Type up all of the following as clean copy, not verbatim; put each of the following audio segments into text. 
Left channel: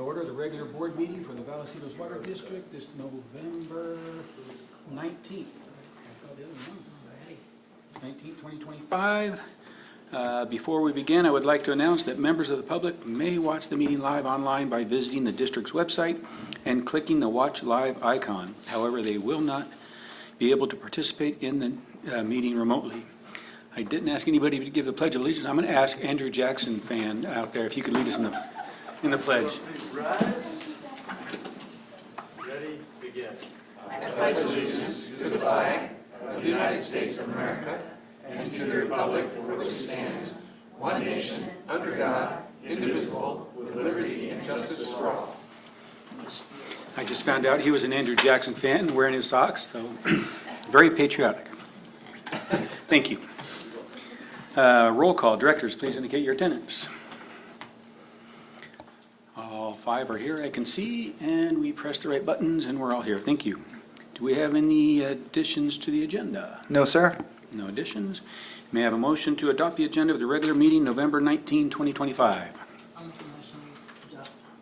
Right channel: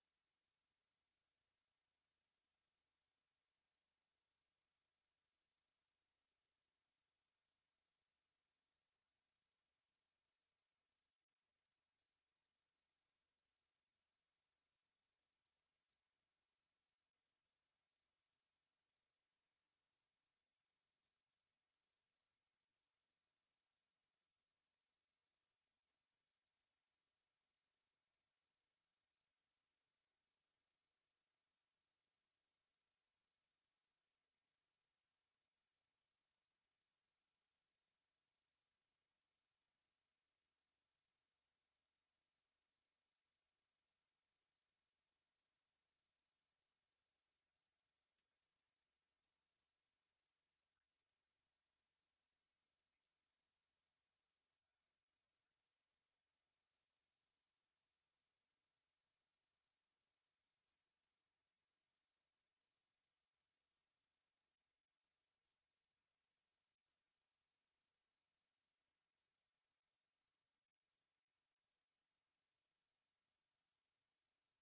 to order the regular board meeting for the Vallecitos Water District this November 19th. 2025. Before we begin, I would like to announce that members of the public may watch the meeting live online by visiting the district's website and clicking the Watch Live icon. However, they will not be able to participate in the meeting remotely. I didn't ask anybody to give the Pledge of Allegiance. I'm going to ask Andrew Jackson fan out there if you could lead us in the pledge. Rise. Ready, begin. I pledge allegiance to the flag of the United States of America and to the republic for which it stands, one nation, under God, indivisible, with liberty and justice for all. I just found out he was an Andrew Jackson fan wearing his socks, so very patriotic. Thank you. Roll call. Directors, please indicate your attendance. All five are here, I can see, and we press the right buttons, and we're all here. Thank you. Do we have any additions to the agenda? No, sir. No additions. May I have a motion to adopt the agenda of the regular meeting November 19, 2025?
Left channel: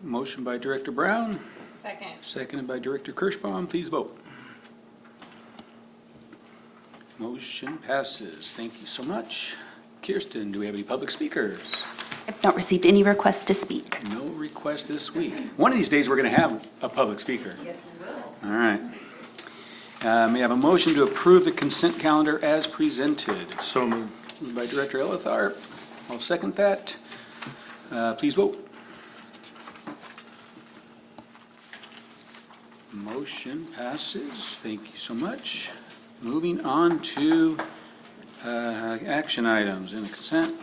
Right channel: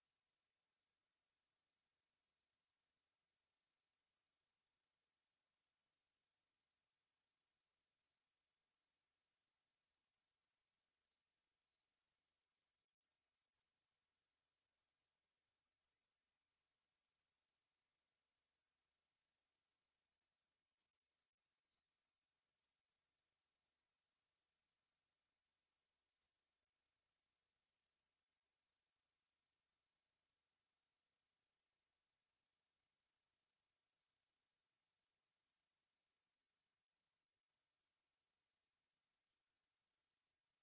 Motion by Director Brown. Second. Seconded by Director Kirschbaum. Please vote. Motion passes. Thank you so much. Kirsten, do we have any public speakers? I've not received any requests to speak. No request this week. One of these days, we're going to have a public speaker. Yes, we will. All right. May I have a motion to approve the consent calendar as presented? So moved. Moved by Director Elitharp. I'll second that. Please vote. Motion passes. Thank you so much. Moving on to action items in the consent.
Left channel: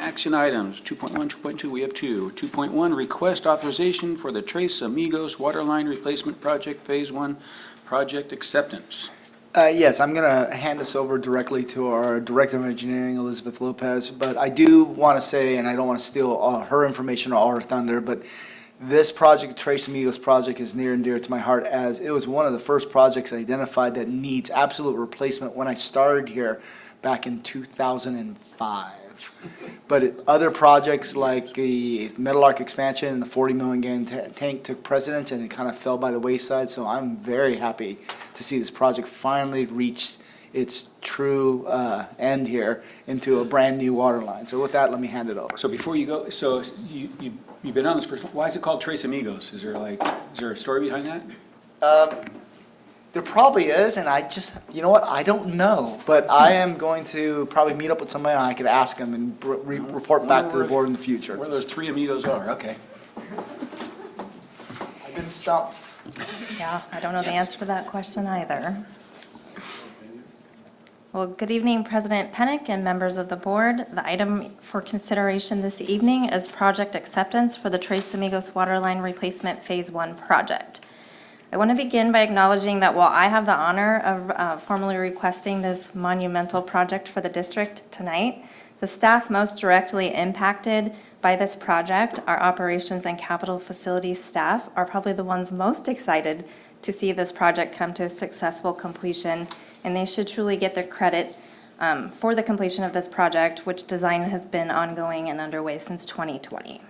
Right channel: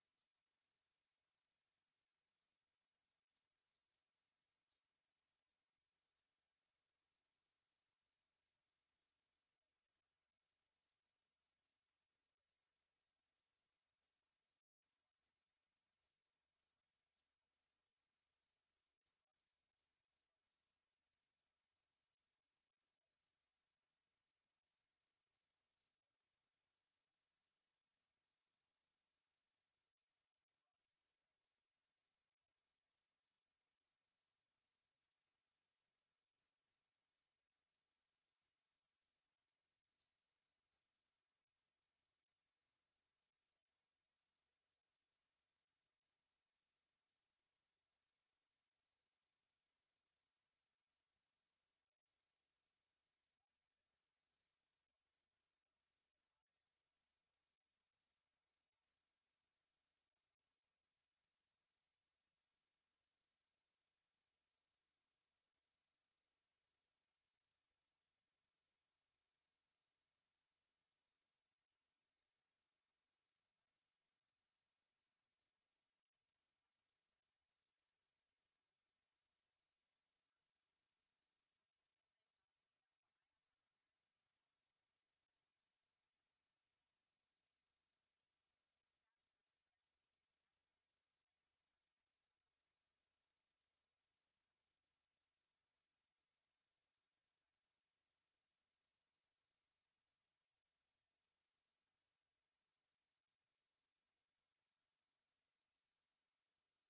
Action items 2.1, 2.2, we have two. 2.1, request authorization for the Tres Amigos Waterline Replacement Project Phase 1 project acceptance. Yes, I'm going to hand this over directly to our Director of Engineering, Elizabeth Lopez, but I do want to say, and I don't want to steal all her information or all her thunder, but this project, Tres Amigos project, is near and dear to my heart, as it was one of the first projects identified that needs absolute replacement when I started here back in 2005. But other projects like the Metal Arc expansion and the 40 million gallon tank took precedence, and it kind of fell by the wayside. So I'm very happy to see this project finally reach its true end here into a brand new water line. So with that, let me hand it over. So before you go, so you've been on this first, why is it called Tres Amigos? Is there a story behind that? There probably is, and I just, you know what, I don't know. But I am going to probably meet up with somebody, and I could ask them and report back to the board in the future. Where those three amigos are, okay. I've been stumped. Yeah, I don't know the Yes. answer to that question either. Well, good evening, President PENNOCK and members of the board. The item for consideration this evening is project acceptance for the Tres Amigos Waterline Replacement Phase 1 project. I want to begin by acknowledging that while I have the honor of formally requesting this monumental project for the district tonight, the staff most directly impacted by this project, our operations and capital facilities staff, are probably the ones most excited to see this project come to a successful completion, and they should truly get the credit for the completion of this project, which design has been ongoing and underway since 2020.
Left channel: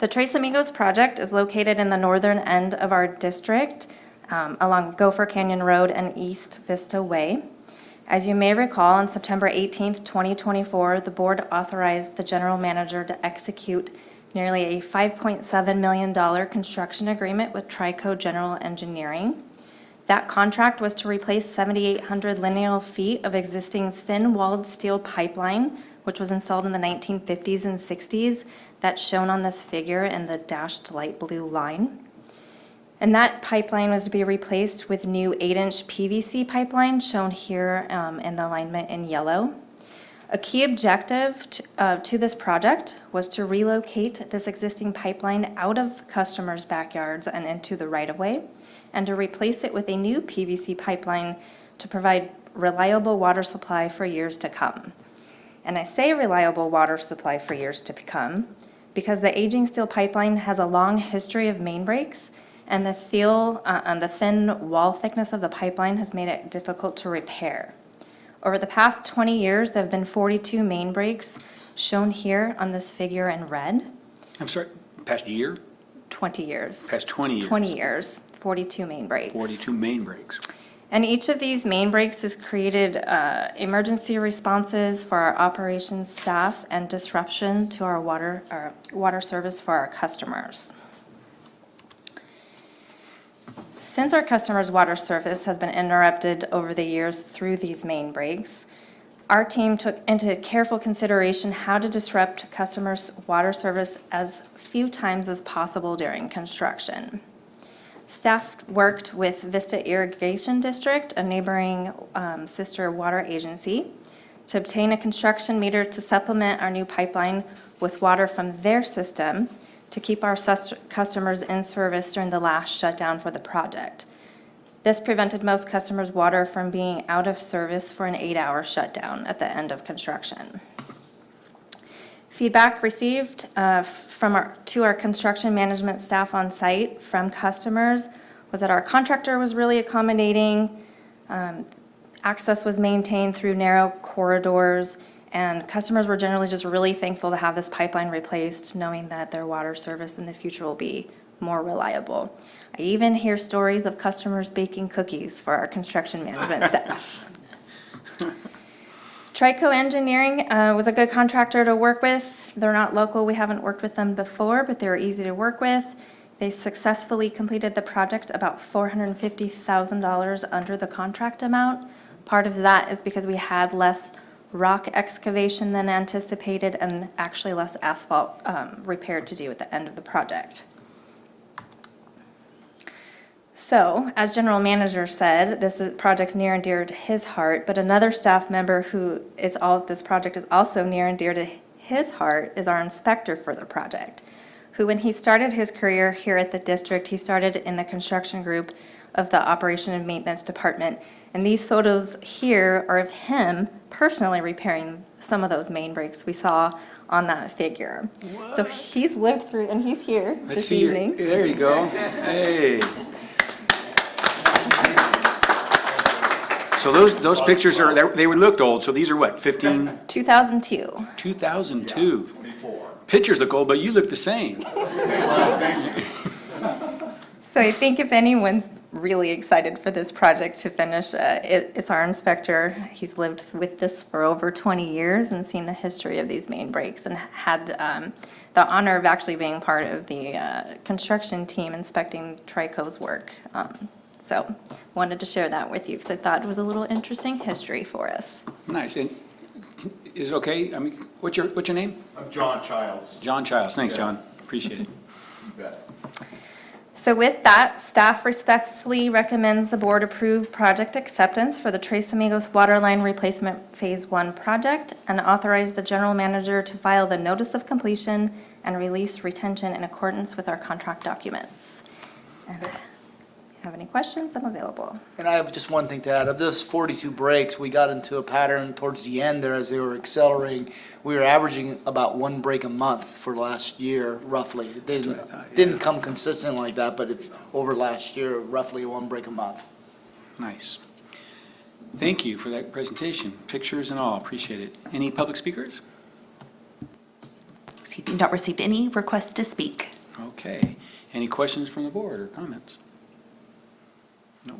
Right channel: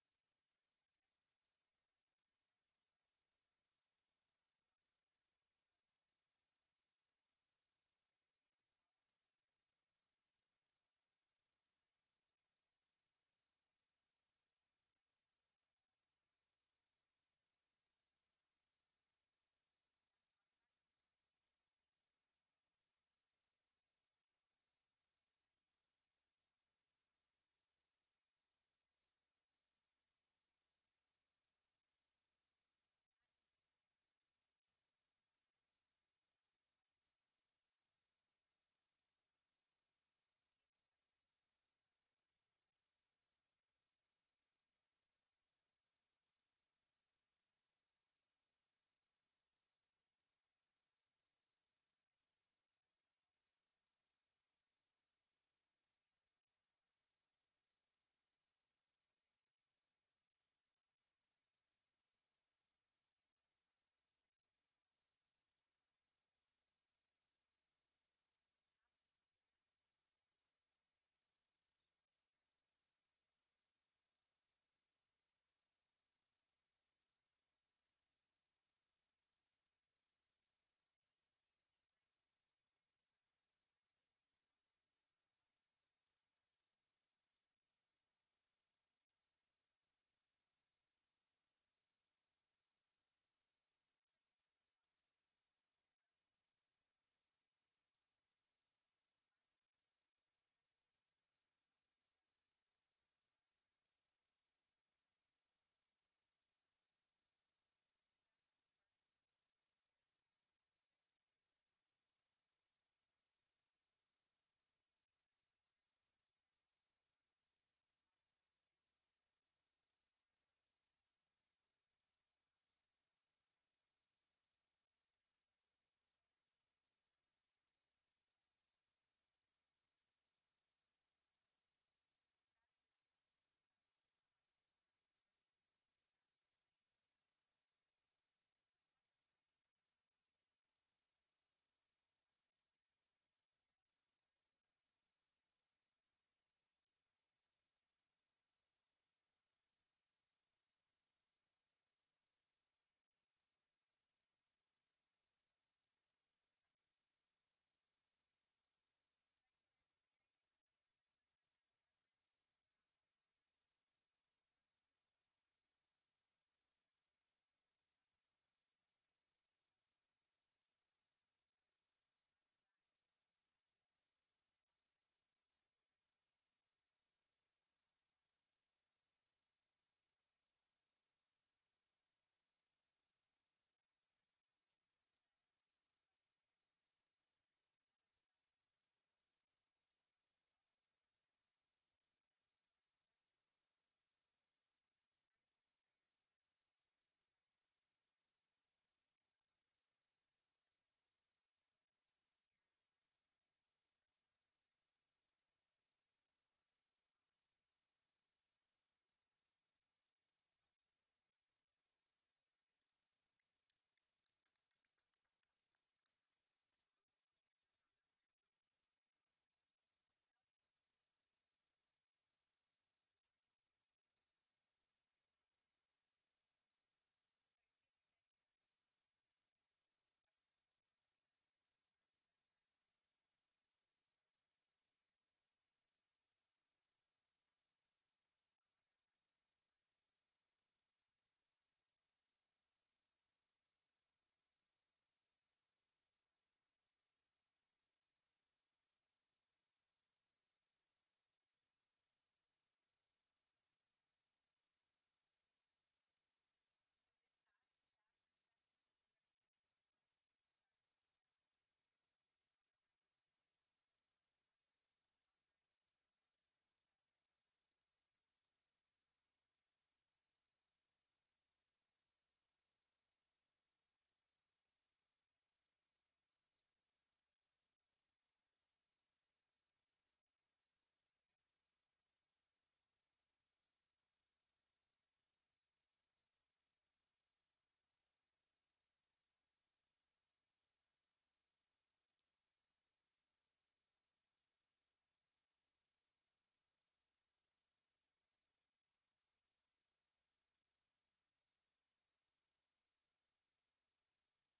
The Tres Amigos project is located in the northern end of our district along Gopher Canyon Road and East Vista Way. As you may recall, on September 18th, 2024, the board authorized the general manager to execute nearly a $5.7 million construction agreement with Trico General Engineering. That contract was to replace 7,800 lineal feet of existing thin-walled steel pipeline, which was installed in the 1950s and 60s. That's shown on this figure in the dashed light blue line. And that pipeline was to be replaced with new 8-inch PVC pipeline, shown here in the alignment in yellow. A key objective to this project was to relocate this existing pipeline out of customers' backyards and into the right-of-way, and to replace it with a new PVC pipeline to provide reliable water supply for years to come. And I say reliable water supply for years to come because the aging steel pipeline has a long history of main breaks, and the thin wall thickness of the pipeline has made it difficult to repair. Over the past 20 years, there have been 42 main breaks, shown here on this figure in red. I'm sorry, past year? 20 years. Past 20 years? 20 years, 42 main breaks. 42 main breaks. And each of these main breaks has created emergency responses for our operations staff and disruption to our water service for our customers. Since our customers' water service has been interrupted over the years through these main breaks, our team took into careful consideration how to disrupt customers' water service as few times as possible during construction. Staff worked with Vista Irrigation District, a neighboring sister water agency, to obtain a construction meter to supplement our new pipeline with water from their system to keep our customers in service during the last shutdown for the project. This prevented most customers' water from being out of service for an 8-hour shutdown at the end of construction. Feedback received to our construction management staff on site from customers was that our contractor was really accommodating. Access was maintained through narrow corridors, and customers were generally just really thankful to have this pipeline replaced, knowing that their water service in the future will be more reliable. I even hear stories of customers baking cookies for our construction management staff. Trico Engineering was a good contractor to work with. They're not local. We haven't worked with them before, but they were easy to work with. They successfully completed the project about $450,000 under the contract amount. Part of that is because we had less rock excavation than anticipated and actually less asphalt repair to do at the end of the project. So, as General Manager said, this project's near and dear to his heart, but another staff member this project is also near and dear to his heart is our inspector for the project, who when he started his career here at the district, he started in the construction group of the Operation and Maintenance Department. And these photos here are of him personally repairing some of those main breaks we saw on that figure. What? So he's lived through, and he's here this evening. There you go. Hey. So those pictures they looked old, so these are what, 15? 2002. 2002. Pictures look old, but you look the same. So I think if anyone's really excited for this project to finish, it's our inspector. He's lived with this for over 20 years and seen the history of these main breaks and had the honor of actually being part of the construction team inspecting Trico's work. So wanted to share that with you because I thought it was a little interesting history for us. Nice. And is it okay? I mean, what's your name? I'm John Childs. John Childs. Thanks, John. Appreciate it. You bet. So with that, staff respectfully recommends the board approve project acceptance for the Tres Amigos Waterline Replacement Phase 1 project and authorize the general manager to file the notice of completion and release retention in accordance with our contract documents. And if you have any questions, I'm available. And I have just one thing to add. Of those 42 breaks, we got into a pattern towards the end there as they were accelerating. We were averaging about 1 break a month for last year, roughly. It didn't come consistent like that, but it's over last year, roughly 1 break a month. Nice. Thank you for that presentation. Pictures and all. Appreciate it. Any public speakers? Excuse me, not received any requests to speak. Okay. Any questions from the board or comments? No.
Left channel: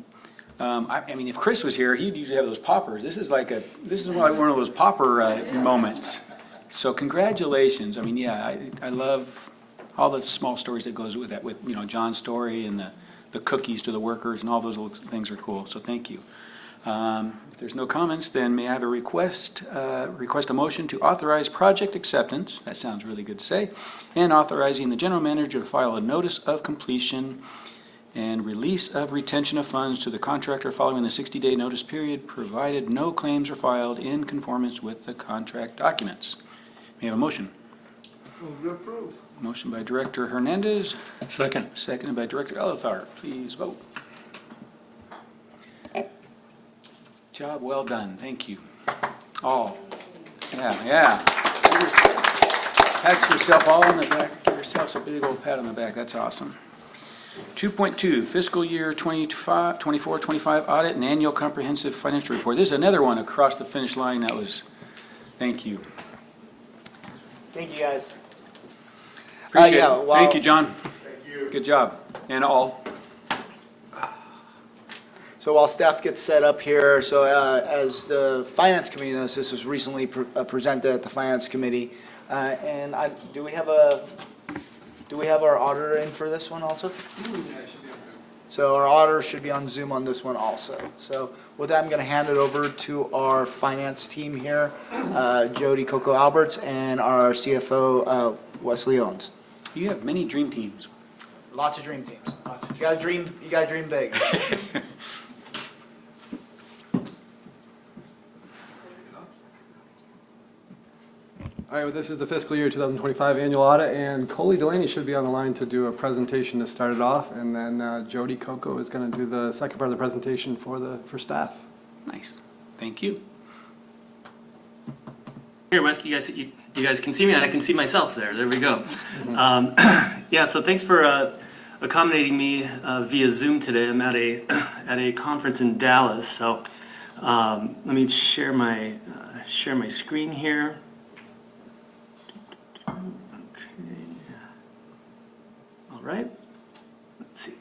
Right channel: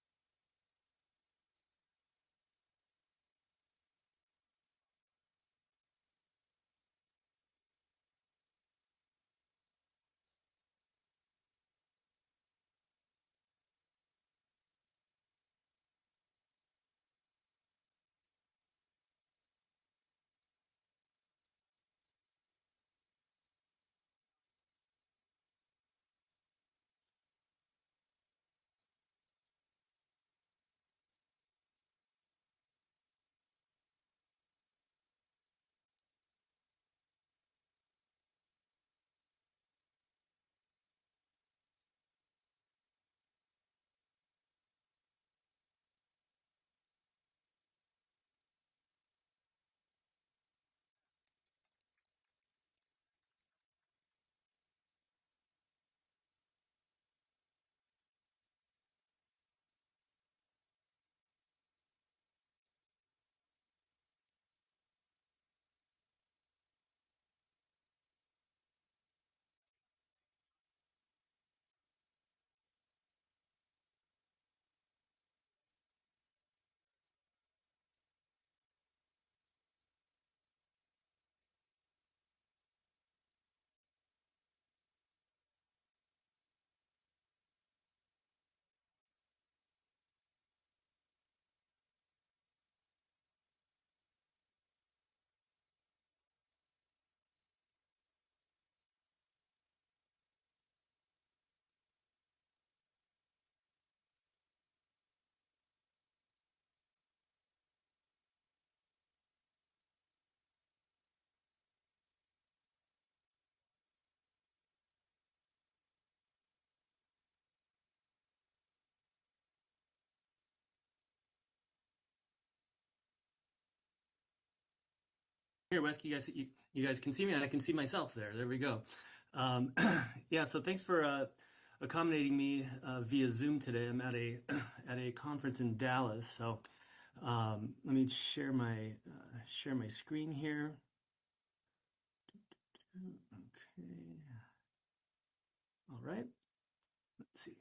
I mean, if Chris was here, he'd usually have those poppers. This is like one of those popper moments. So congratulations. I mean, yeah, I love all the small stories that goes with that, with, you know, John's story and the cookies to the workers and all those little things are cool. So thank you. If there's no comments, then may I have a request a motion to authorize project acceptance, that sounds really good to say, and authorizing the general manager to file a notice of completion and release of retention of funds to the contractor following the 60-day notice period, provided no claims are filed in conformance with the contract documents. May I have a motion? Move to approve. Motion by Director Hernandez. Second. Seconded by Director Elithar. Please vote. Job well done. Thank you. All. Yeah. Pat yourself all on the back. Give yourself a big old pat on the back. That's awesome. 2.2, fiscal year 24-25 audit and annual comprehensive financial report. This is another one across the finish line. That was, thank you. Thank you, guys. Appreciate yeah, it. well- Thank you, John. Thank you. Good job. And all. So while staff gets set up here, so as the Finance Committee knows, this was recently presented at the Finance Committee. And do we have our auditor in for this one also? So our auditor should be on Zoom on this one also. So with that, I'm going to hand it over to our finance team here, Jody Coco Alberts, and our CFO, Wesley Owens. You have many dream teams. Lots of dream teams. You gotta dream big. All right, well, this is the fiscal year 2025 annual audit, and Coley Delaney should be on the line to do a presentation to start it off, and then Jody Coco is going to do the second part of the presentation for staff. Nice. Thank you. Here, Wes, you guys can see me, and I can see myself there. There we go. Yeah, so thanks for accommodating me via Zoom today. I'm at a conference in Dallas, so let me share my screen here. All right. Let's see.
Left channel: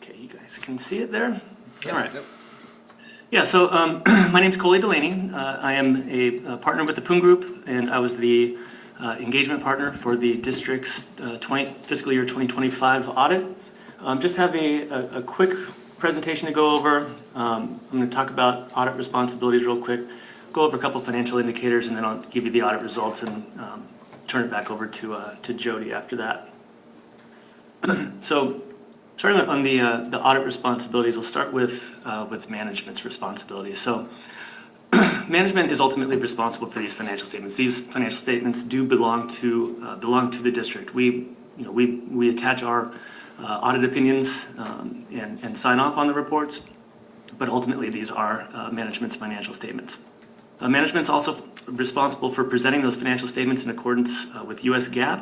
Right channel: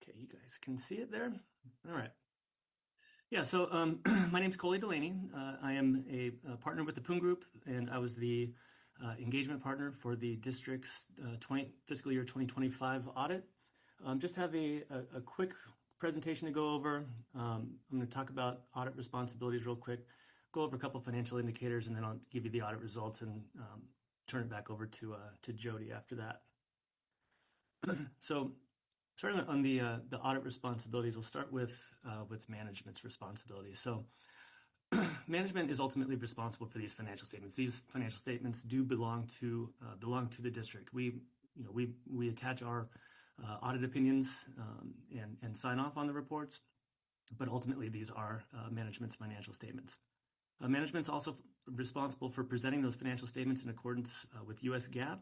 Okay, you guys can see it there. All right. Yeah, so my name's Coley Delaney. I am a partner with the Poon Group, and I was the engagement partner for the district's fiscal year 2025 audit. Just have a quick presentation to go over. I'm going to talk about audit responsibilities real quick, go over a couple financial indicators, and then I'll give you the audit results and turn it back over to Jody after that. So, starting on the audit responsibilities, we'll start with management's responsibilities. So, management is ultimately responsible for these financial statements. These financial statements do belong to the district. We attach our audit opinions and sign off on the reports, but ultimately these are management's financial statements. Management's also responsible for presenting those financial statements in accordance with U.S. GAAP,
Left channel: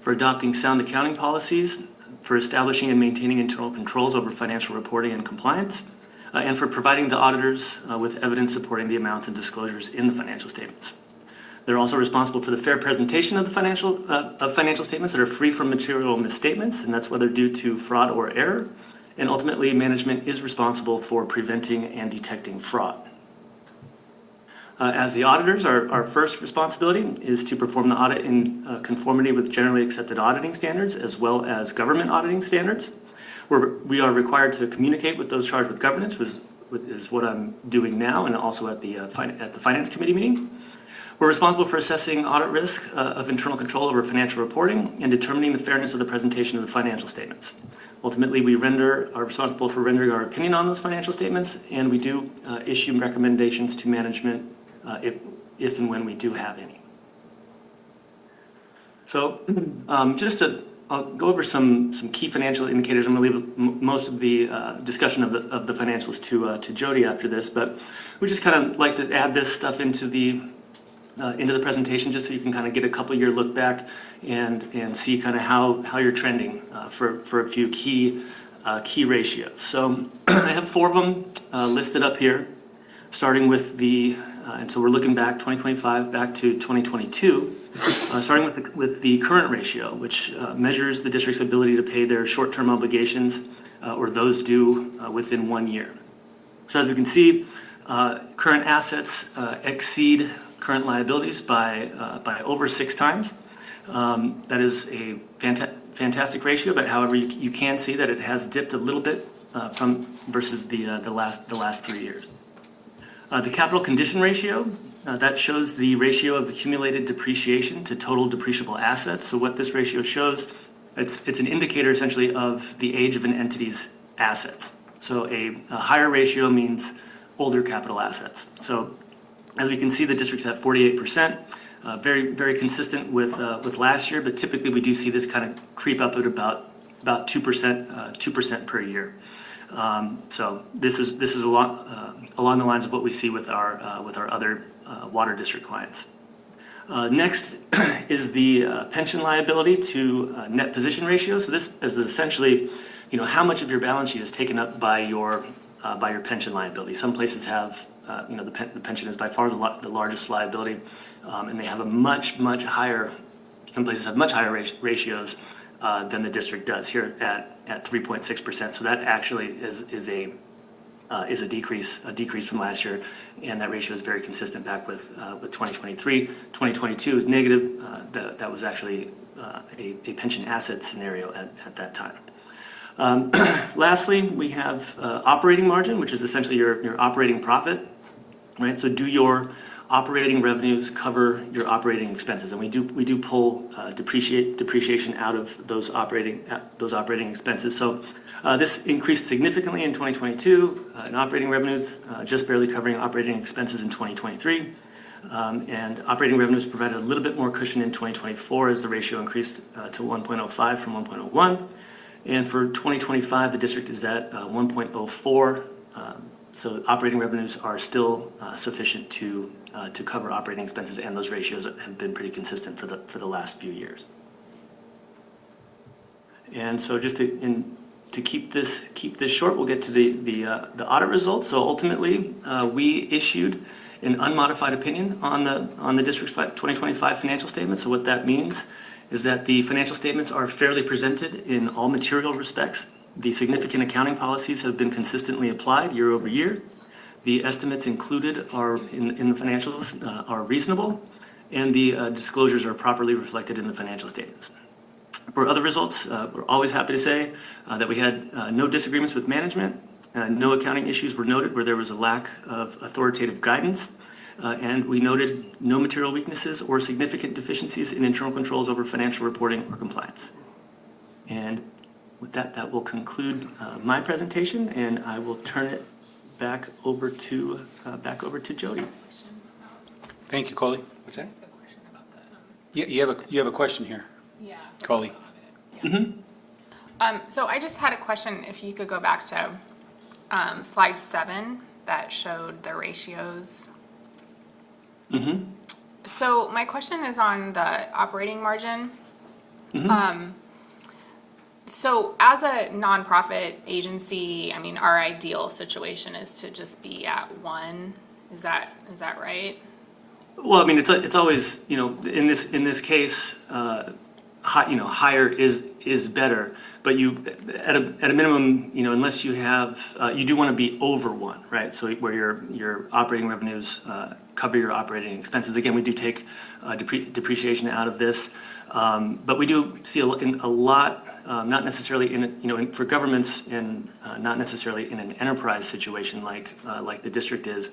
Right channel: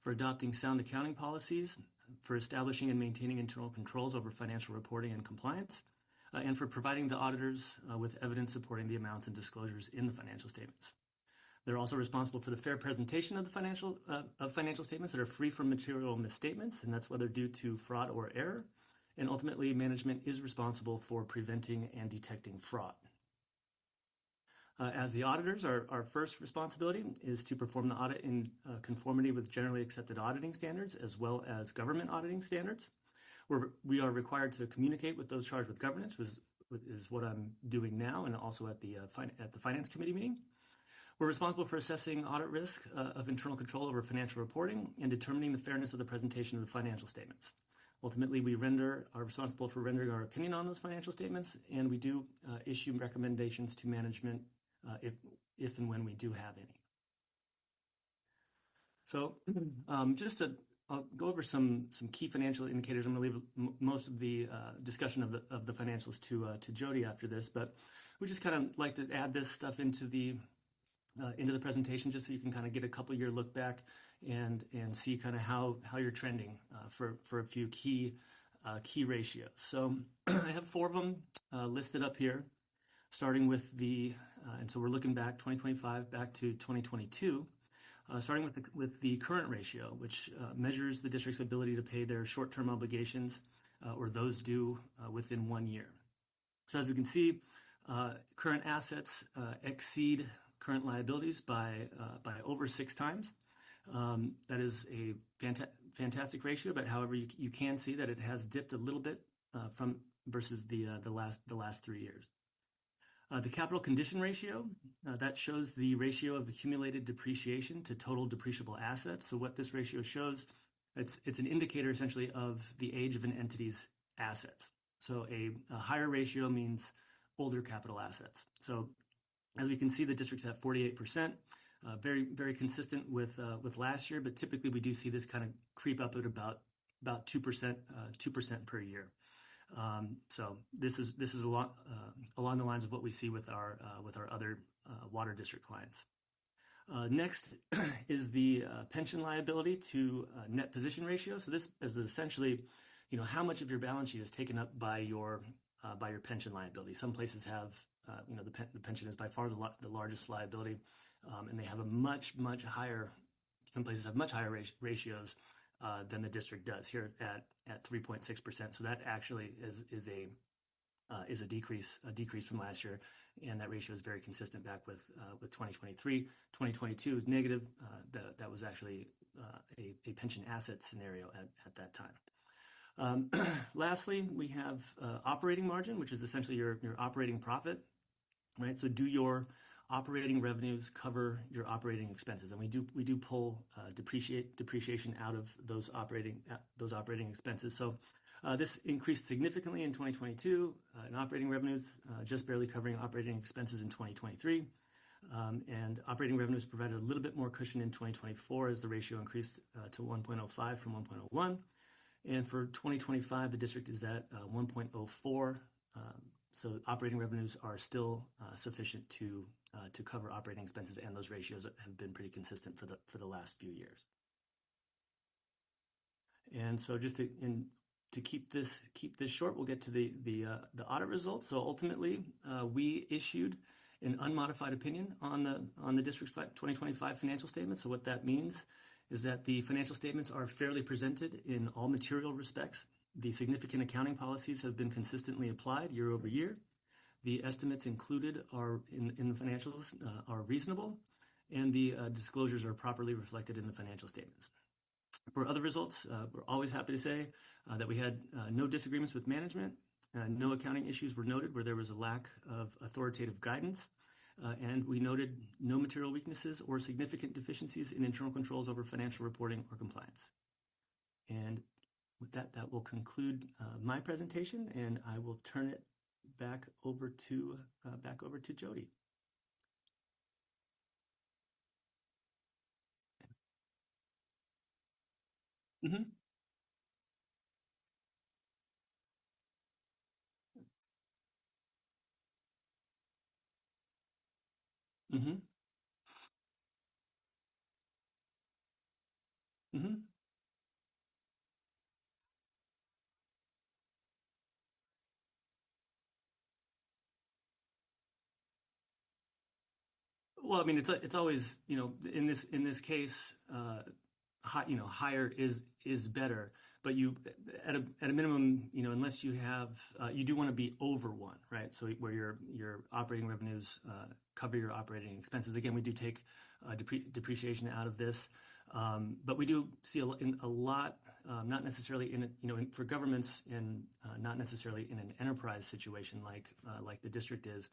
for adopting sound accounting policies, for establishing and maintaining internal controls over financial reporting and compliance, and for providing the auditors with evidence supporting the amounts and disclosures in the financial statements. They're also responsible for the fair presentation of the financial statements that are free from material misstatements, and that's whether due to fraud or error. And ultimately, management is responsible for preventing and detecting fraud. As the auditors, our first responsibility is to perform the audit in conformity with generally accepted auditing standards as well as government auditing standards. We are required to communicate with those charged with governance, which is what I'm doing now, and also at the Finance Committee meeting. We're responsible for assessing audit risk of internal control over financial reporting and determining the fairness of the presentation of the financial statements. Ultimately, we are responsible for rendering our opinion on those financial statements, and we do issue recommendations to management if and when we do have any. So I'll go over some key financial indicators. I'm going to leave most of the discussion of the financials to Jody after this, but we just kind of like to add this stuff into the presentation just so you can kind of get a couple-year look back and see kind of how you're trending for a few key ratios. So I have 4 of them listed up here, starting with and so we're looking back 2025 back to 2022, starting with the current ratio, which measures the district's ability to pay their short-term obligations or those due within 1 year. So as we can see, current assets exceed current liabilities by over 6 times. That is a fantastic ratio, but however, you can see that it has dipped a little bit versus the last 3 years. The capital condition ratio, that shows the ratio of accumulated depreciation to total depreciable assets. So what this ratio shows, it's an indicator essentially of the age of an entity's assets. So a higher ratio means older capital assets. So as we can see, the district's at 48%, very, very consistent with last year, but typically we do see this kind of creep up at about 2% per year. So this is a lot along the lines of what we see with our other water district clients. Next is the pension liability to net position ratio. So this is essentially, how much of your balance sheet is taken up by your pension liability. Some places have, the pension is by far the largest liability, and they have a much higher some places have much higher ratios than the district does here at 3.6%. So that actually is a decrease from last year, and that ratio is very consistent back with 2023. 2022 is negative. That was actually a pension asset scenario at that time. Lastly, we have operating margin, which is essentially your operating profit, right? So do your operating revenues cover your operating expenses? And we do pull depreciation out of those operating expenses. So this increased significantly in 2022 in operating revenues, just barely covering operating expenses in 2023. And operating revenues provided a little bit more cushion in 2024 as the ratio increased to 1.05 from 1.01. And for 2025, the district is at 1.04. So operating revenues are still sufficient to cover operating expenses, and those ratios have been pretty consistent for the last few years. And so just to keep this short, we'll get to the audit results. So ultimately, we issued an unmodified opinion on the district's 2025 financial statements. So what that means is that the financial statements are fairly presented in all material respects. The significant accounting policies have been consistently applied year over year. The estimates included in the financials are reasonable, and the disclosures are properly reflected in the financial statements. For other results, we're always happy to say that we had no disagreements with management, no accounting issues were noted where there was a lack of authoritative guidance, and we noted no material weaknesses or significant deficiencies in internal controls over financial reporting or compliance. And with that, that will conclude my presentation, and I will turn it back over to Jody. Thank you, Coley. What's that? Yeah, you have a question here, Yeah. Coley. So I just had a question, if you could go back to slide 7 that showed the ratios. So my question is on the operating margin. So as a nonprofit agency, I mean, our ideal situation is to just be at 1. Is that right? Well, I mean, it's always, in this case, higher is better, but you at a minimum, unless you have, you do want to be over 1, right? So where your operating revenues cover your operating expenses. Again, we do take depreciation out of this, but we do see a lot, not necessarily for governments, and not necessarily in an enterprise situation like the district is.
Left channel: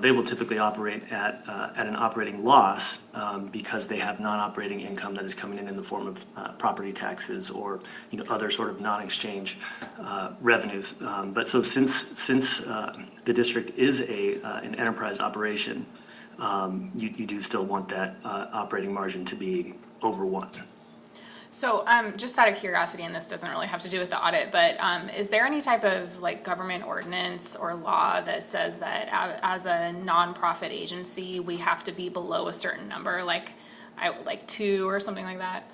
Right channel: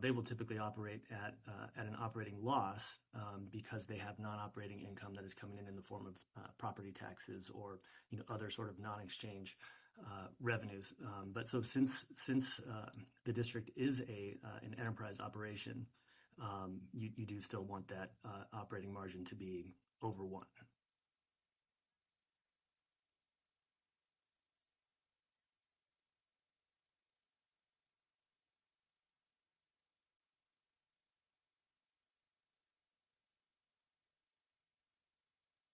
They will typically operate at an operating loss because they have non-operating income that is coming in the form of property taxes or other sort of non-exchange revenues. But so since the district is an enterprise operation, you do still want that operating margin to be over 1. So just out of curiosity, and this doesn't really have to do with the audit, but is there any type of government ordinance or law that says that as a nonprofit agency we have to be below a certain number, like 2 or something like that?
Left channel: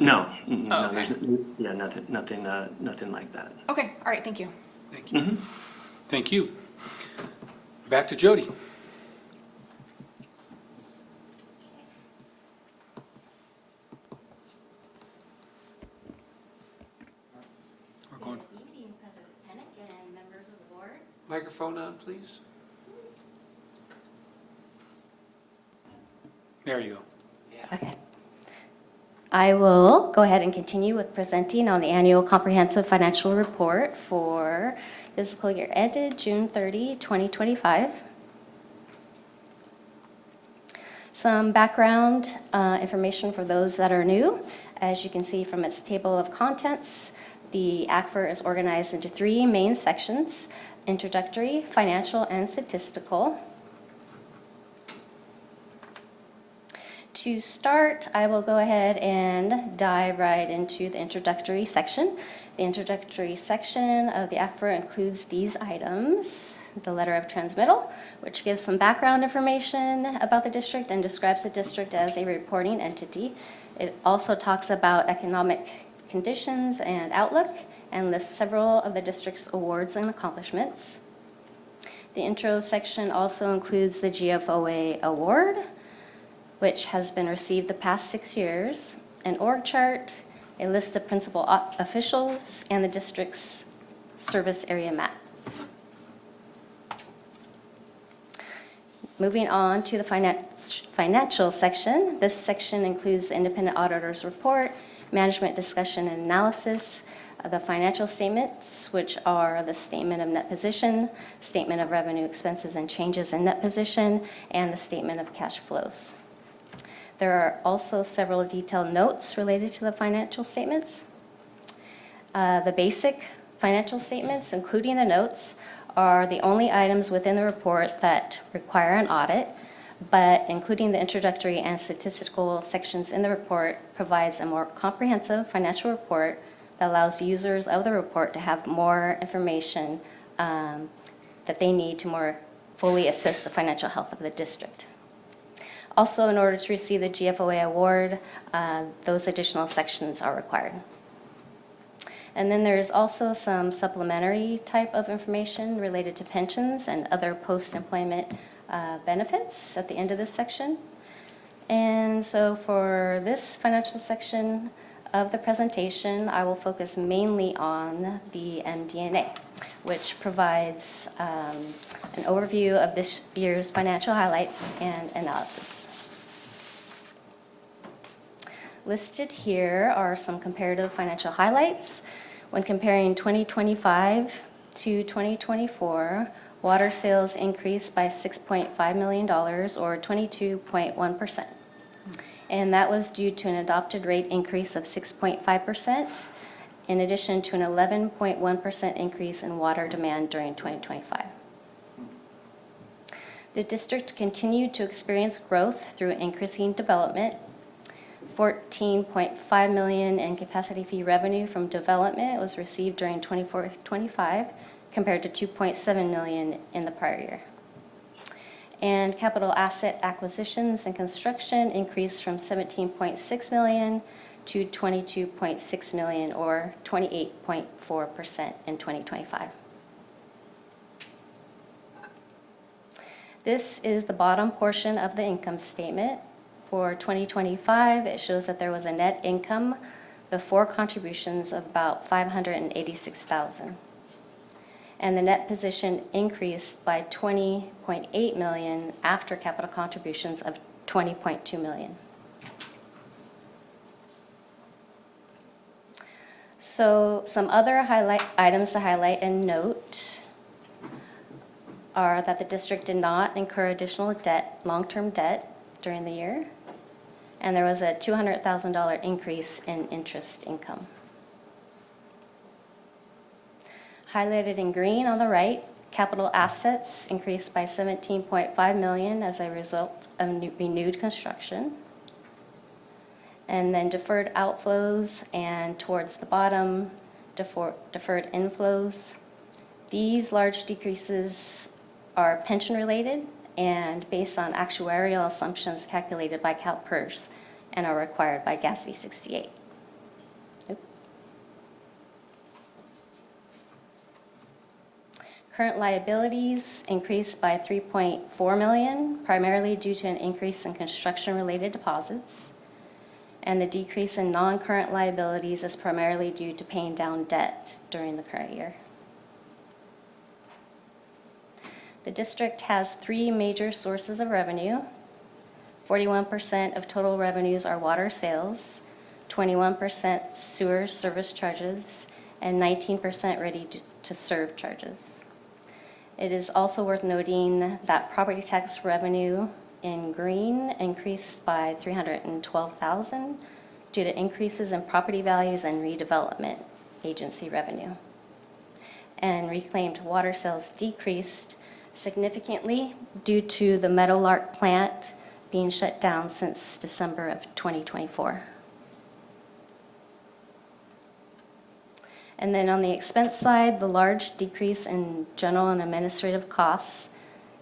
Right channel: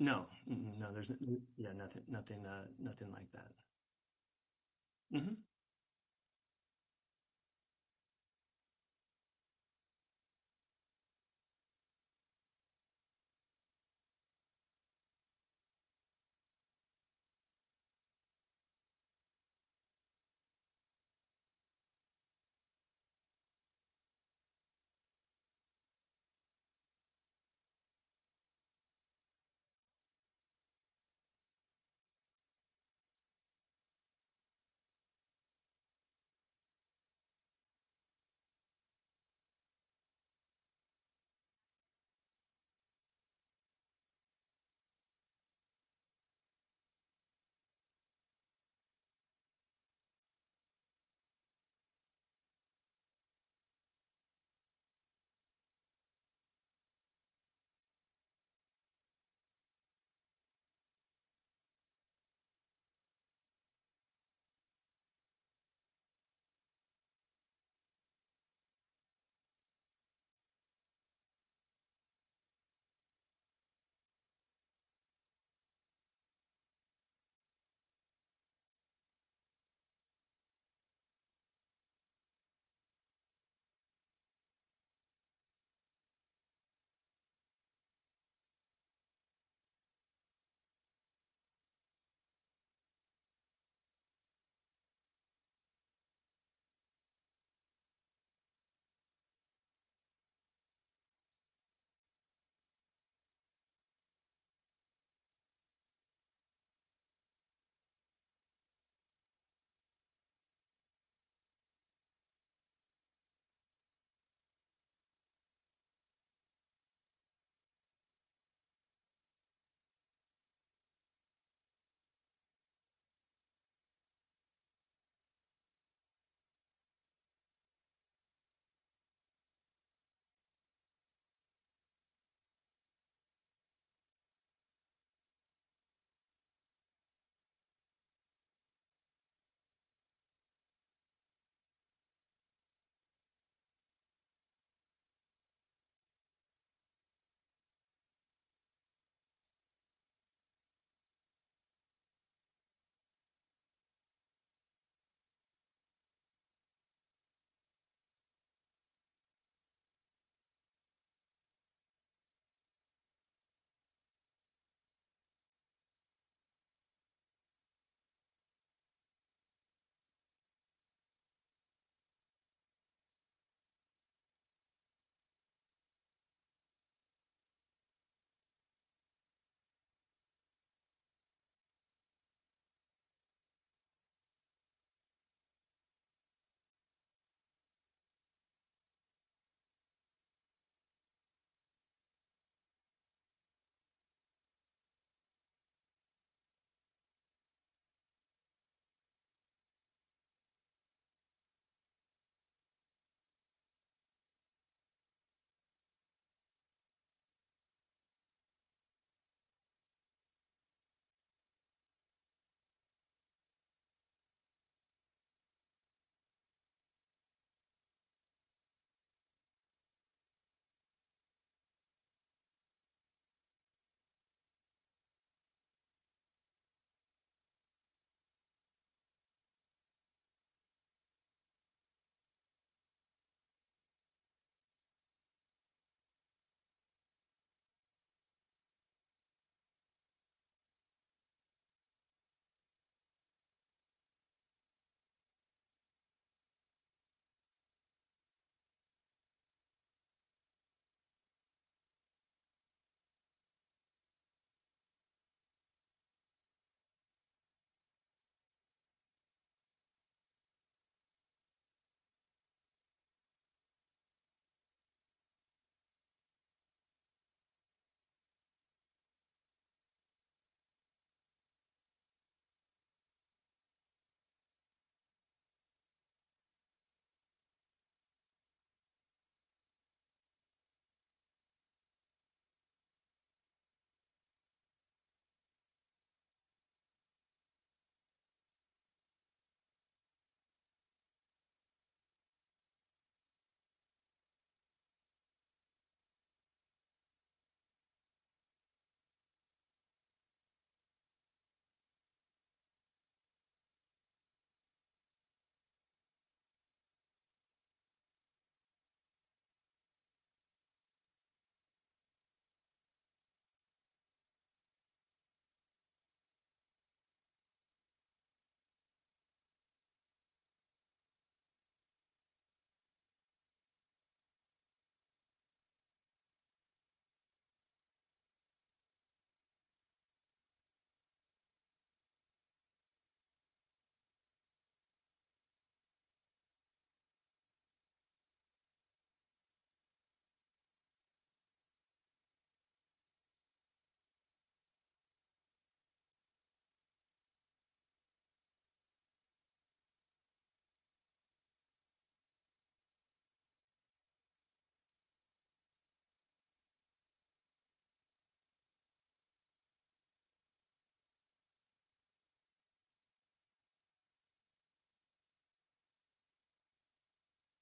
No. Oh, No, okay. there's nothing like that. Okay, all right, thank you. Thank you. Thank you. Back to Jody. Good evening, President Pennock and members of the board. Microphone on, please. There you go. Okay. I will go ahead and continue with presenting on the annual comprehensive financial report for fiscal year ended June 30, 2025. Some background information for those that are new. As you can see from its table of contents, the ACFR is organized into 3 main sections: introductory, financial, and statistical. To start, I will go ahead and dive right into the introductory section. The introductory section of the ACFR includes these items: the letter of transmittal, which gives some background information about the district and describes the district as a reporting entity. It also talks about economic conditions and outlook, and lists several of the district's awards and accomplishments. The intro section also includes the GFOA award, which has been received the past 6 years, an org chart, a list of principal officials, and the district's service area map. Moving on to the financial section. This section includes the independent auditor's report, management discussion and analysis, the financial statements, which are the statement of net position, statement of revenue, expenses, and changes in net position, and the statement of cash flows. There are also several detailed notes related to the financial statements. The basic financial statements, including the notes, are the only items within the report that require an audit, but including the introductory and statistical sections in the report provides a more comprehensive financial report that allows users of the report to have more information that they need to more fully assess the financial health of the district. Also, in order to receive the GFOA award, those additional sections are required. And then there's also some supplementary type of information related to pensions and other post-employment benefits at the end of this section. And so for this financial section of the presentation, I will focus mainly on the MD&A, which provides an overview of this year's financial highlights and analysis. Listed here are some comparative financial highlights. When comparing 2025 to 2024, water sales increased by $6.5 million, or 22.1%. And that was due to an adopted rate increase of 6.5%, in addition to an 11.1% increase in water demand during 2025. The district continued to experience growth through increasing development. $14.5 million in capacity fee revenue from development was received during 24-25, compared to $2.7 million in the prior year. And capital asset acquisitions and construction increased from $17.6 million to $22.6 million, or 28.4% in 2025. This is the bottom portion of the income statement. For 2025, it shows that there was a net income before contributions of about $586,000. And the net position increased by $20.8 million after capital contributions of $20.2 million. So some other items to highlight and note are that the district did not incur additional debt, long-term debt, during the year. And there was a $200,000 increase in interest income. Highlighted in green on the right, capital assets increased by $17.5 million as a result of renewed construction. And then deferred outflows, and towards the bottom, deferred inflows. These large decreases are pension related and based on actuarial assumptions calculated by CalPERS and are required by GASB 68. Current liabilities increased by $3.4 million, primarily due to an increase in construction-related deposits. And the decrease in non-current liabilities is primarily due to paying down debt during the current year. The district has 3 major sources of revenue. 41% of total revenues are water sales, 21% sewer service charges, and 19% ready-to-serve charges. It is also worth noting that property tax revenue in green increased by $312,000 due to increases in property values and redevelopment agency revenue. And reclaimed water sales decreased significantly due to the Meadowlark plant being shut down since December of 2024. And then on the expense side, the large decrease in general and administrative costs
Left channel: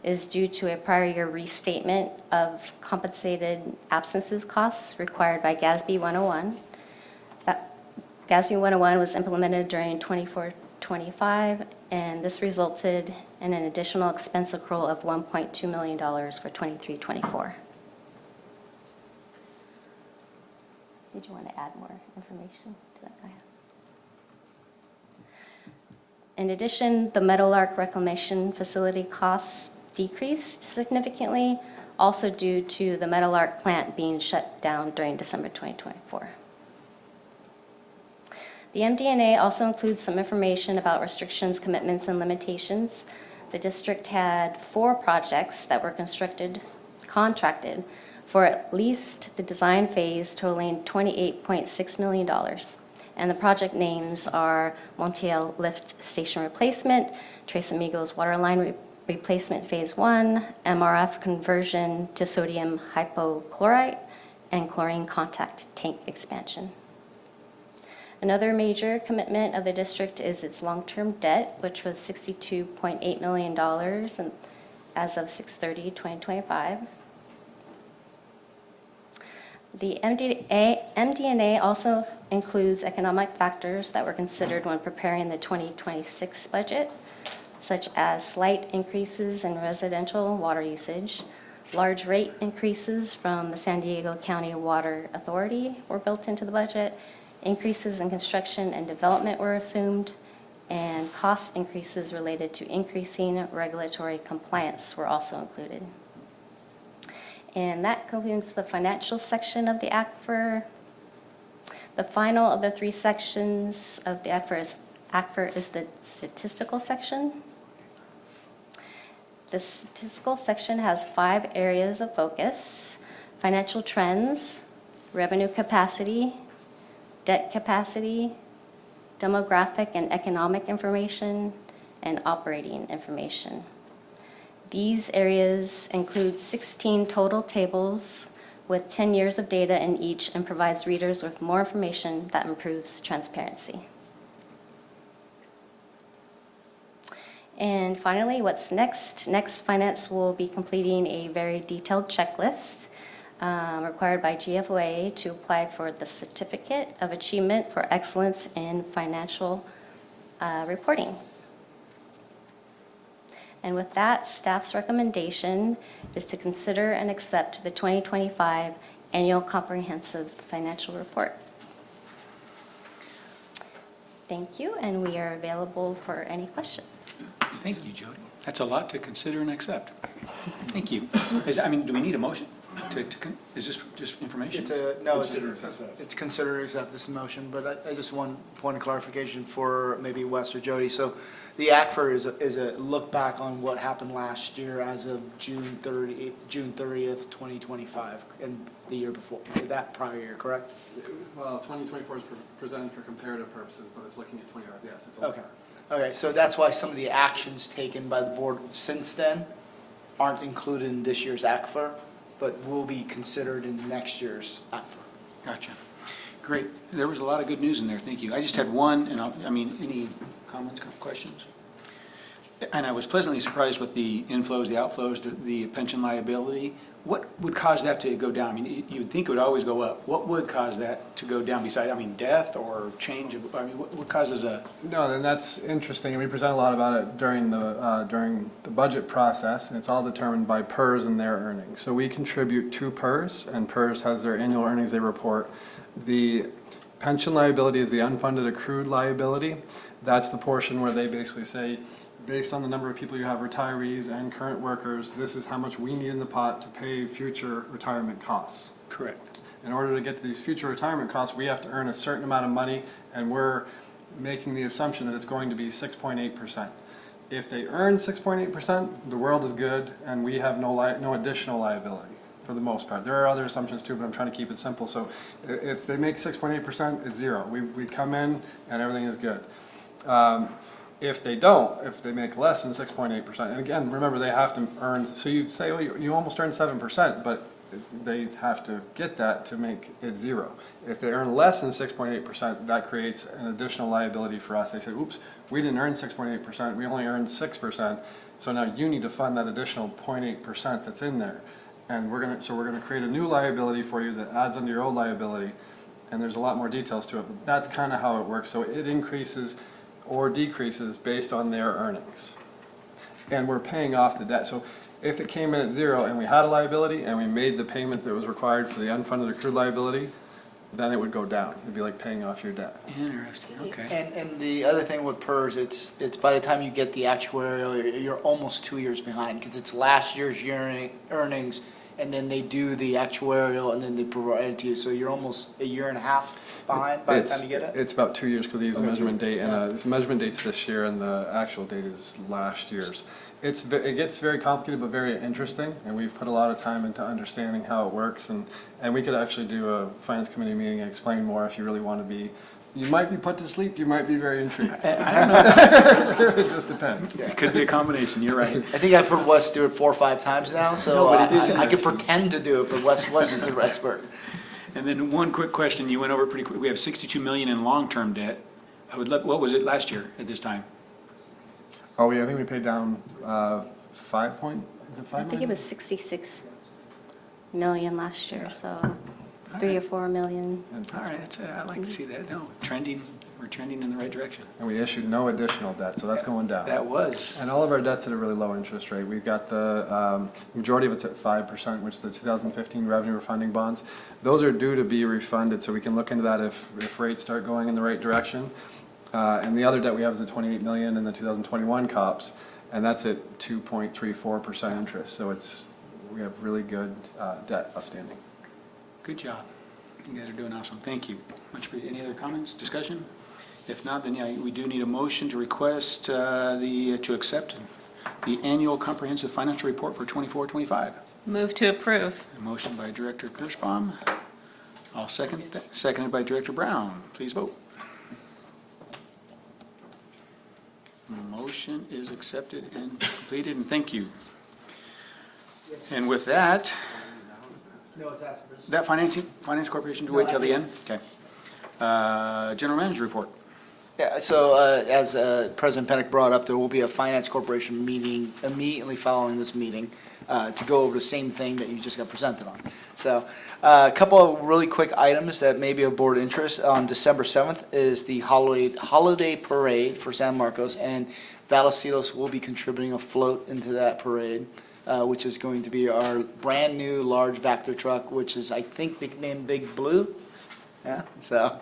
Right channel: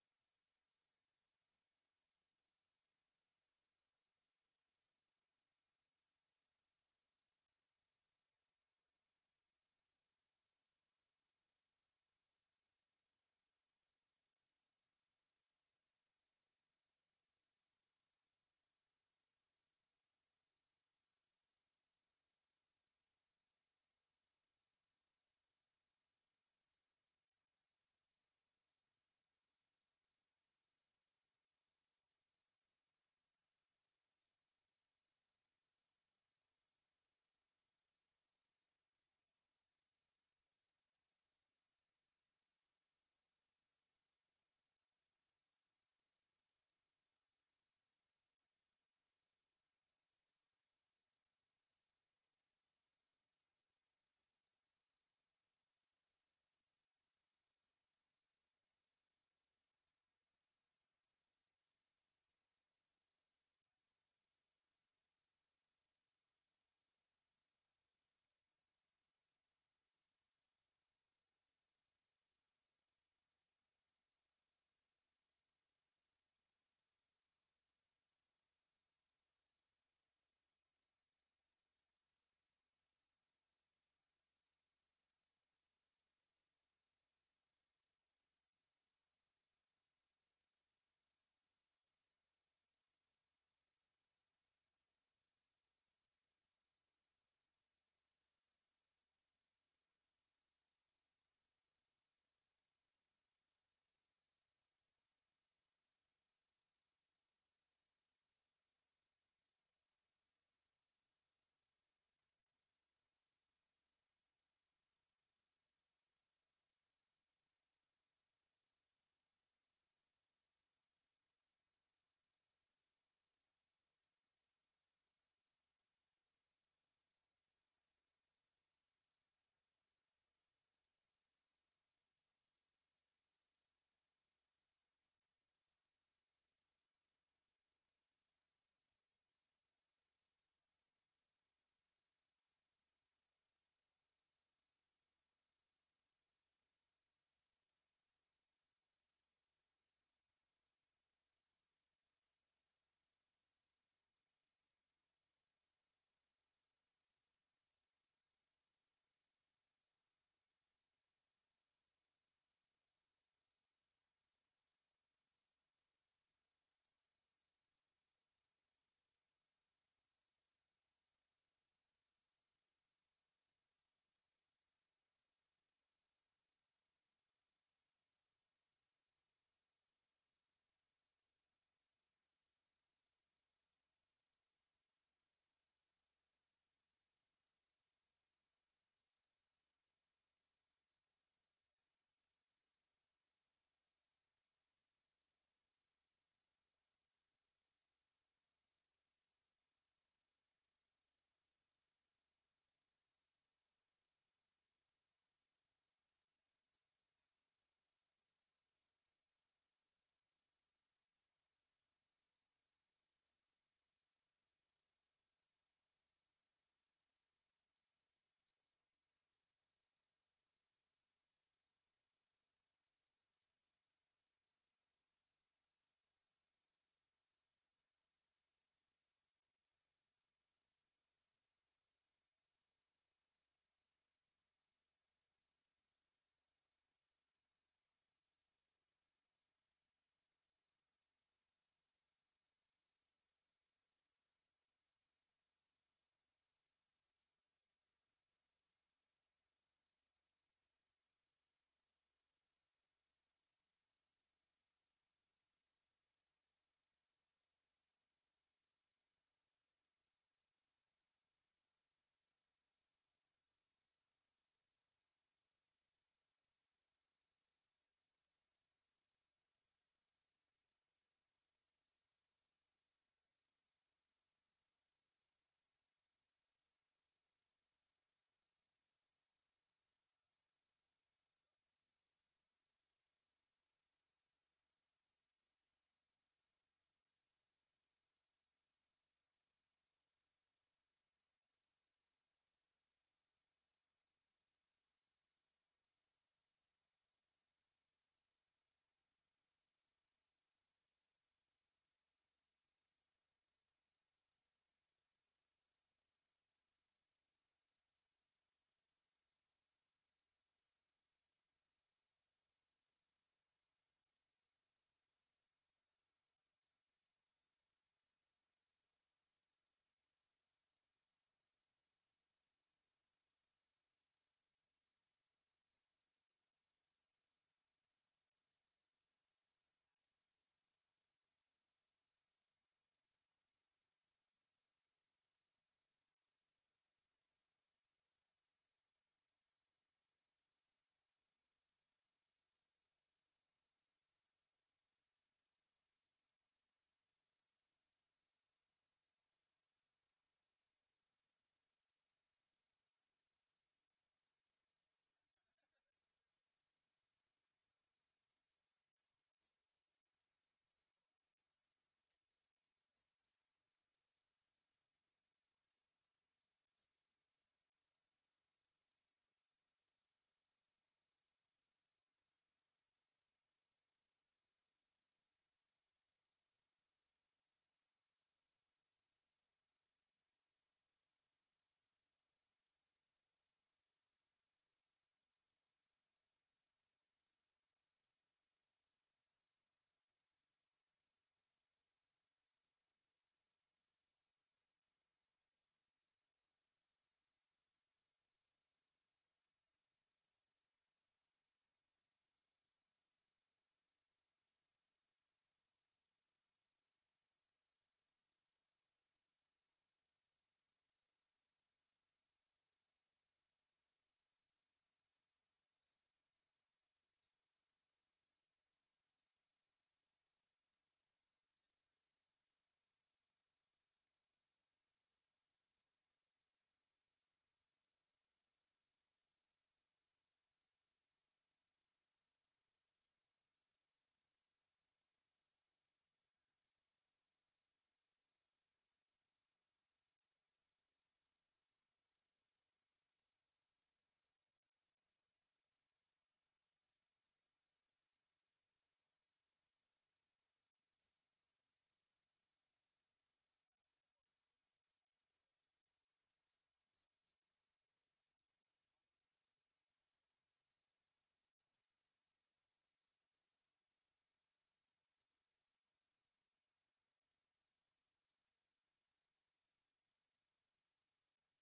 is due to a prior year restatement of compensated absences costs required by GASB 101. That GASB 101 was implemented during 24-25, and this resulted in an additional expense accrual of $1.2 million for 23-24. Did you want to add more information to that? In addition, the Meadowlark Reclamation Facility costs decreased significantly, also due to the Meadowlark plant being shut down during December 2024. The MD&A also includes some information about restrictions, commitments, and limitations. The district had 4 projects that were contracted for at least the design phase, totaling $28.6 million. And the project names are Montiel Lift Station Replacement, Tres Amigos Waterline Replacement Phase 1, MRF Conversion to Sodium Hypochlorite, and Chlorine Contact Tank Expansion. Another major commitment of the district is its long-term debt, which was $62.8 million as of 6/30/2025. The MD&A also includes economic factors that were considered when preparing the 2026 budget, such as slight increases in residential water usage, large rate increases from the San Diego County Water Authority were built into the budget, increases in construction and development were assumed, and cost increases related to increasing regulatory compliance were also included. And that concludes the financial section of the ACFR. The final of the 3 sections of the ACFR is the statistical section. The statistical section has 5 areas of focus: financial trends, revenue capacity, debt capacity, demographic and economic information, and operating information. These areas include 16 total tables with 10 years of data in each and provides readers with more information that improves transparency. And finally, what's next? Next, Finance will be completing a very detailed checklist required by GFOA to apply for the Certificate of Achievement for Excellence in Financial Reporting. And with that, staff's recommendation is to consider and accept the 2025 Annual Comprehensive Financial Report. Thank you, and we are available for any questions. Thank you, Jody. That's a lot to consider and accept. Thank you. Do we need a motion? Is this just information? It's considered accept this motion, but I just want point of clarification for maybe Wes or Jody. So the ACFR is a look back on what happened last year as of June 30th, 2025, and the year before, that prior year, correct? Well, 2024 is presented for comparative purposes, but it's looking at 25, yes. It's Okay. Okay, so that's why some of the actions taken by the board since then aren't included in this year's ACFR, but will be considered in next year's ACFR. Gotcha. Great. There was a lot of good news in there. Thank you. I just had one, and any comments, questions? And I was pleasantly surprised with the inflows, the outflows, the pension liability. What would cause that to go down? You'd think it would always go up. What would cause that to go down besides, death or change of, what causes a? No, and that's interesting, and we present a lot about it during the budget process, and it's all determined by PERS and their earnings. So we contribute to PERS, and PERS has their annual earnings they report. The pension liability is the unfunded accrued liability. That's the portion where they basically say, based on the number of people you have, retirees and current workers, this is how much we need in the pot to pay future retirement costs. Correct. In order to get to these future retirement costs, we have to earn a certain amount of money, and we're making the assumption that it's going to be 6.8%. If they earn 6.8%, the world is good, and we have no additional liability for the most part. There are other assumptions too, but I'm trying to keep it simple. So if they make 6.8%, it's zero. We come in, and everything is good. If they don't, if they make less than 6.8%, and again, remember they have to earn, so you say, well, you almost earned 7%, but they have to get that to make it zero. If they earn less than 6.8%, that creates an additional liability for us. They say, oops, we didn't earn 6.8%, we only earned 6%, so now you need to fund that additional 0.8% that's in there. And we're gonna create a new liability for you that adds onto your old liability, and there's a lot more details to it, but that's kind of how it works. So it increases or decreases based on their earnings. And we're paying off the debt. So if it came in at zero and we had a liability and we made the payment that was required for the unfunded accrued liability, then it would go down. It'd be like paying off your debt. Interesting, okay. And the other thing with PERS, it's by the time you get the actuarial, you're almost 2 years behind, because it's last year's earnings, and then they do the actuarial, and then they provide it to you, so you're almost a year and a half behind by the time you get it? It's about 2 years because they use a Okay, measurement date, and yeah. this measurement date's this year, and the actual date is last year's. It gets very complicated but very interesting, and we've put a lot of time into understanding how it works, and we could actually do a finance committee meeting and explain more if you really want to be. You might be put to sleep, you might be very intrigued. I don't know. It just depends. It could be a combination, you're right. I think I've heard Wes do it 4 or 5 times now, so No, but it is I could interesting. pretend to do it, but Wes is the expert. And then one quick question, you went over pretty quick. We have 62 million in long-term debt. What was it last year at this time? Oh, yeah, I think we paid down 5 point, is it 5 I think it million? was 66 million last year, so 3 or 4 million. All right, I'd like to see that. No, we're trending in the right direction. And we issued no additional debt, so that's going down. That was, And all of our debt's at a really low interest rate. We've got the majority of it's at 5%, which is the 2015 revenue refunding bonds. Those are due to be refunded, so we can look into that if rates start going in the right direction. And the other debt we have is the 28 million in the 2021 COPS, and that's at 2.34% interest. So we have really good debt outstanding. good job. You guys are doing awesome. Thank you. Any other comments, discussion? If not, then yeah, we do need a motion to request to accept the annual comprehensive financial report for 24-25. Move to approve. A motion by Director Kirschbaum. I'll second that. Seconded by Director Brown. Please vote. Motion is accepted and completed, and thank you. And with that, that Finance Corporation, to wait till the end? Okay. General Manager report. Yeah, so as President Pennock brought up, there will be a Finance Corporation meeting immediately following this meeting to go over the same thing that you just got presented on. So a couple of really quick items that may be of board interest. On December 7th is the holiday parade for San Marcos, and Vallecitos will be contributing a float into that parade, which is going to be our brand new large Vector truck, which is, I think, nicknamed Big Blue. Yeah, so.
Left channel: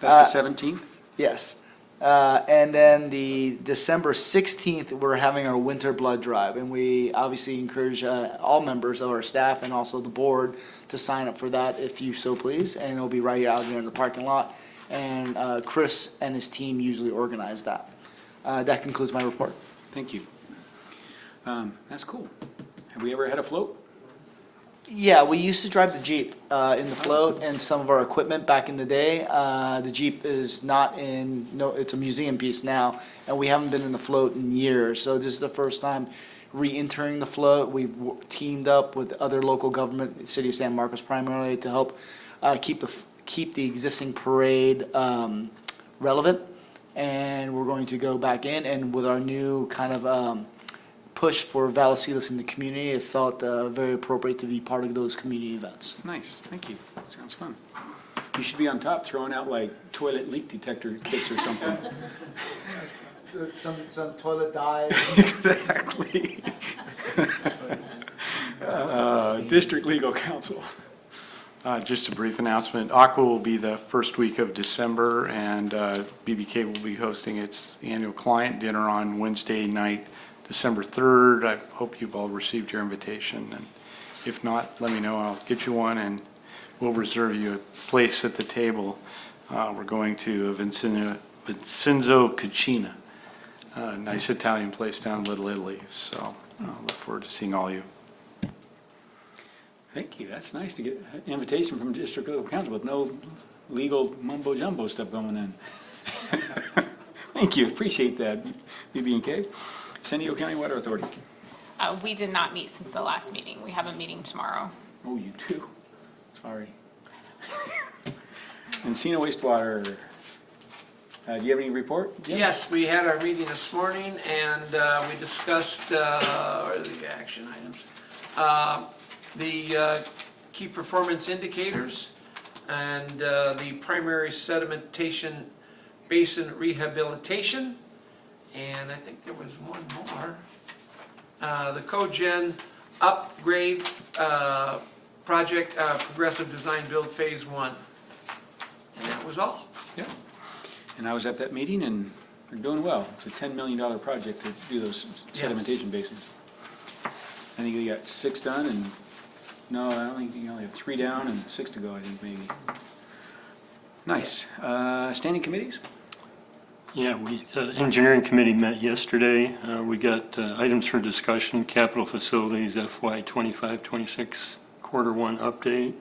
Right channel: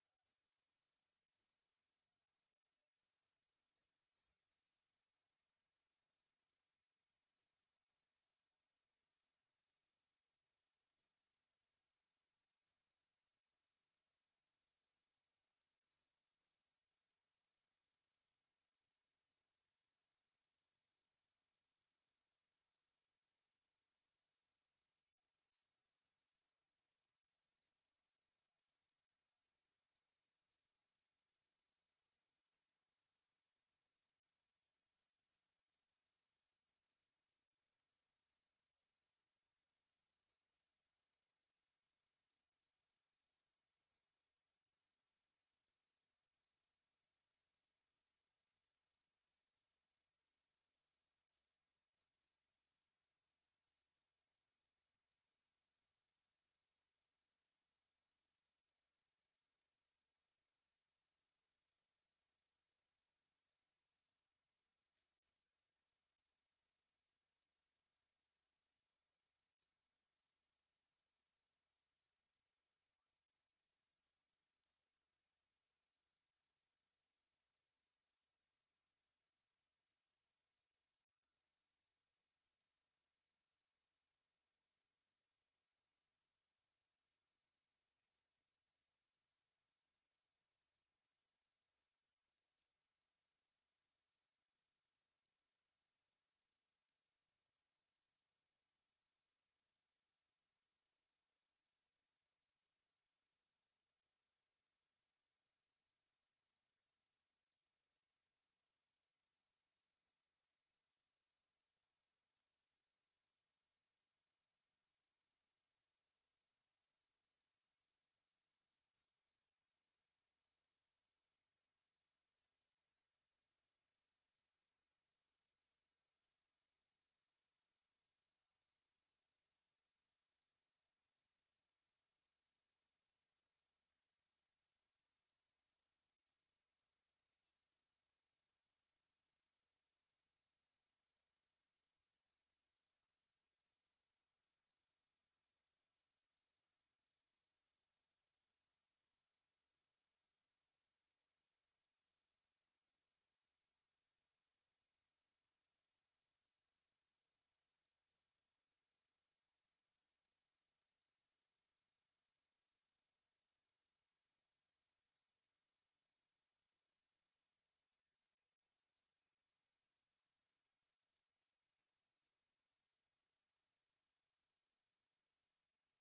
That's the 17th? Yes. And then the December 16th, we're having our winter blood drive, and we obviously encourage all members of our staff and also the board to sign up for that if you so please, and it'll be right out here in the parking lot. And Chris and his team usually organize that. That concludes my report. Thank you. That's cool. Have we ever had a float? Yeah, we used to drive the Jeep in the float and some of our equipment back in the day. The Jeep is not in, no, it's a museum piece now, and we haven't been in the float in years. So this is the first time re-entering the float. We've teamed up with other local government, City of San Marcos primarily, to help keep the existing parade relevant. And we're going to go back in, and with our new kind of push for Vallecitos in the community, it felt very appropriate to be part of those community events. Nice, thank you. Sounds fun. You should be on top throwing out like toilet leak detector kits or something. Some toilet dive. Exactly. District Legal Counsel. Just a brief announcement. Aqua will be the first week of December, and BBK will be hosting its annual client dinner on Wednesday night, December 3rd. I hope you've all received your invitation, and if not, let me know. I'll get you one, and we'll reserve you a place at the table. We're going to Vincenzo Cucina, a nice Italian place down in Little Italy, so I look forward to seeing all you. Thank you. That's nice to get an invitation from District Legal Counsel with no legal mumbo jumbo stuff going in. Thank you. Appreciate that, BB&K. San Diego County Water Authority. We did not meet since the last meeting. We have a meeting tomorrow. Oh, you do? Sorry. ENCINA wastewater. Do you have any report? Jim? Yes, we had our meeting this morning, and we discussed, what are the action items? The key performance indicators and the primary sedimentation basin rehabilitation. And I think there was one more. The cogen upgrade project, progressive design build phase 1. And that was all. Yeah. And I was at that meeting, and they're doing well. It's a $10 million project to do those sedimentation basins. I think we got 6 done, and, no, I don't think, you only have 3 down and 6 to go, I think, maybe. Nice. Standing committees? Yeah, the engineering committee met yesterday. We got items for discussion, capital facilities, FY 25-26 quarter 1 update.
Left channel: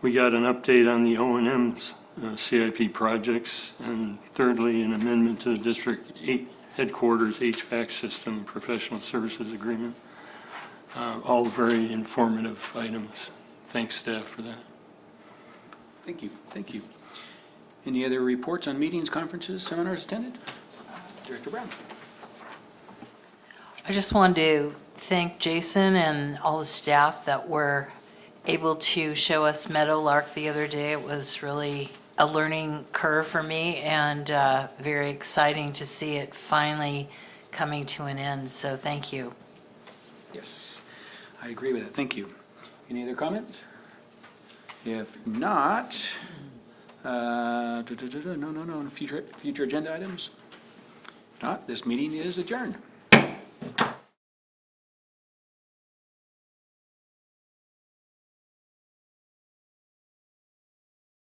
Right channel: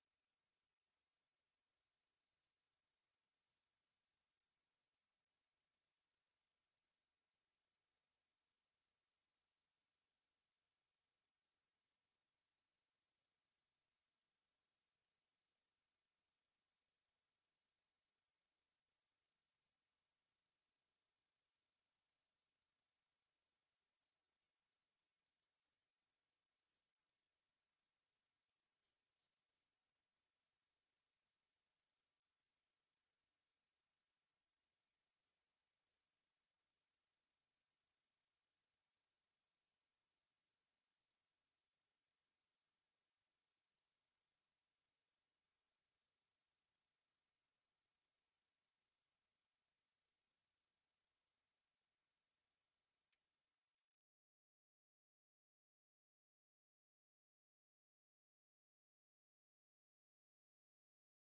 We got an update on the O&M's CIP projects, and thirdly, an amendment to the District 8 headquarters HVAC system professional services agreement. All very informative items. Thanks, staff, for that. Thank you, thank you. Any other reports on meetings, conferences, seminars attended? Director Brown. I just wanted to thank Jason and all the staff that were able to show us Meadowlark the other day. It was really a learning curve for me, and very exciting to see it finally coming to an end. So thank you. Yes, I agree with that. Thank you. Any other comments? If not, no, future agenda items? If not, this meeting is adjourned.